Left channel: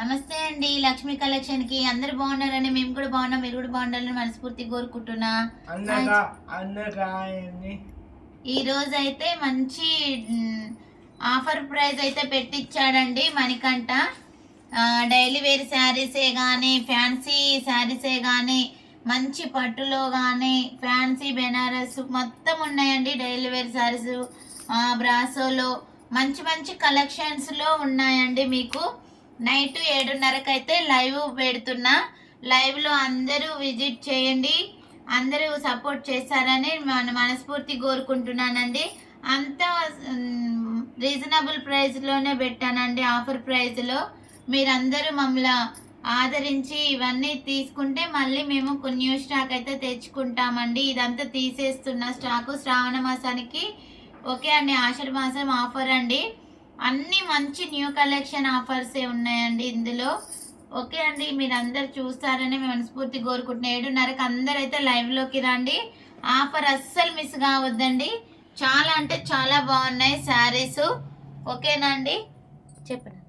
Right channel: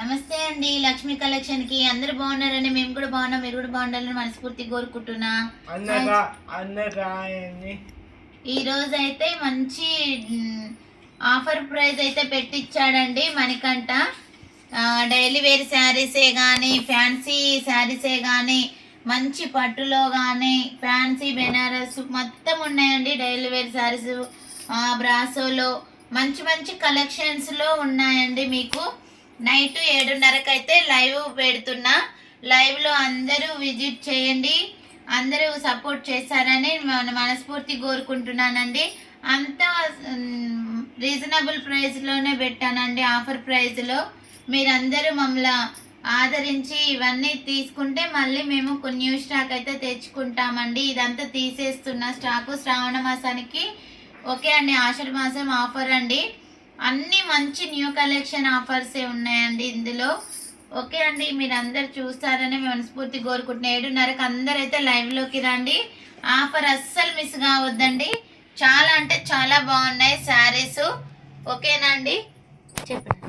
నమస్తే అండి, లక్ష్మీ కలెక్షన్ కి అందరు బాగున్నారని మేము కూడా బాగున్నాం. మీరు కూడా బాగుండాలని మనస్ఫూర్తి కోరుకుంటున్నా. ఈ రోజు అయితే మంచి ఆఫర్ ప్రైస్ అయితే పెట్టించాడండి మణికంఠ. డైలీ వేర్ శారీసే కానీ ఫ్యాన్సీ శారీసే కానీ మంచి పట్టులో కానీ ఫ్యాన్సీ బెనారస్ మొత్తం ఉన్నాయండి. డైలీ వేర్ శారీస్ బ్రాసోలో మంచి మంచి కలెక్షన్స్లో ఉన్నాయండి. మీకు నైట్ 7:30కి అయితే లైవ్ పెడుతున్నా. లైవ్లో అందరూ విజిట్ చేయండి. అందరూ సపోర్ట్ చేశారని మనస్ఫూర్తి కోరుకుంటున్నానండి. అంత రీజనబుల్ ప్రైస్లోనే పెట్టానండి, ఆఫర్ ప్రైస్లో. మీరందరూ మమ్మల్ని ఆదరించి ఇవన్నీ తీసుకుంటే మళ్ళీ మేము కొన్ని న్యూ స్టాక్ అయితే తెచ్చుకుంటామండి. ఇదంతా తీసేస్తున్న స్టాకు శ్రావణ మాసానికి. ఓకే అండి, ఆషాఢ మాసం ఆఫర్ అండి. అన్ని మంచి న్యూ కలెక్షన్ ఆఫర్సే ఉన్నాయండి ఇందులో. ఓకే అండి, మీరు అందరు చూస్తారని మనస్ఫూర్తి కోరుకుంటున్నా. 7:30కి అందరైతే లైవ్లోకి రండి. ఆఫర్ అస్సలు మిస్ కావద్దండి. చాలా అంటే చాలా బాగున్నాయి శారీస్. ఓకేనండి, చెప్పండి.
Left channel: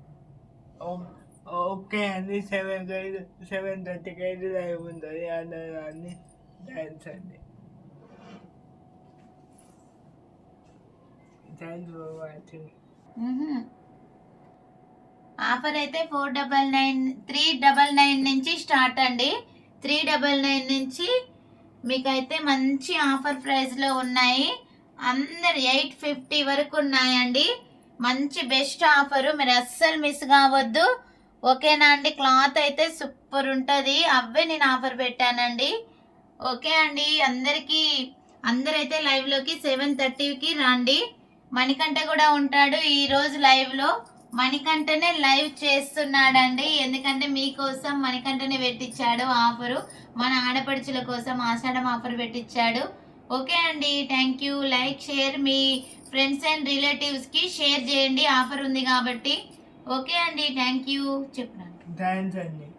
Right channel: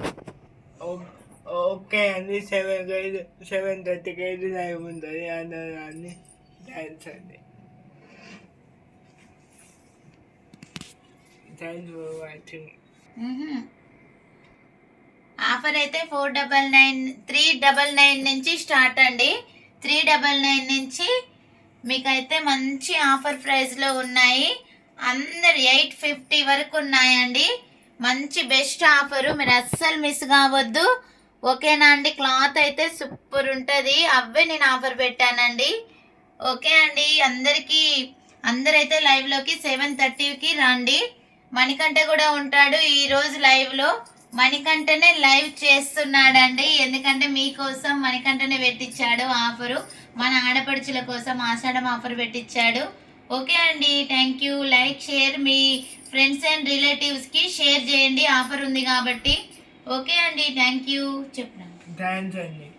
ఓకే అండి, 7:30కి లైవ్ ఉంటుంది. అందరూ థ్యాంక్స్ అండి. Thanks for watching. ఆఫర్ అయితే 399 నుంచి స్టార్ట్ అండి. 399 నుంచి మీకైతే మంచి ఆఫర్ ప్రైస్లో ఉన్నాయి. అందరు 850 వరకు ఉన్నాయండి. మంచి బెస్ట్ ఆఫరు, మీరు అస్సలు మిస్ కావద్దు. ఓకేనా అండి, క్లాత్ అయితే సూపర్ ఉంటుంది. అవే నేను ఆఫర్ పెట్టానండి. ఓకే అండి, అందరైతే లైవ్లోకి 7:30కి రండి. మణికంఠ కూడా ఉంటాడు ఈరోజు లైవ్లో. మణికంఠనే లైవ్ చేస్తున్నాడండి, ఎందుకంటే మీకోసం మణికంఠనే పెట్టించాడు ఆఫరు. మన ఆడపడుచుల కోసం ఆషాఢం ఆఫర్ పెట్టించాడు. ఓకే అండి, thank you. Like share me friends and రిలేటివ్స్కి షేర్ చేయండి, ఆఫర్ ఉంది కాబట్టి. ఓకే అండి, థ్యాంక్ యూ. చెప్పండి. థ్యాంక్స్ అండి.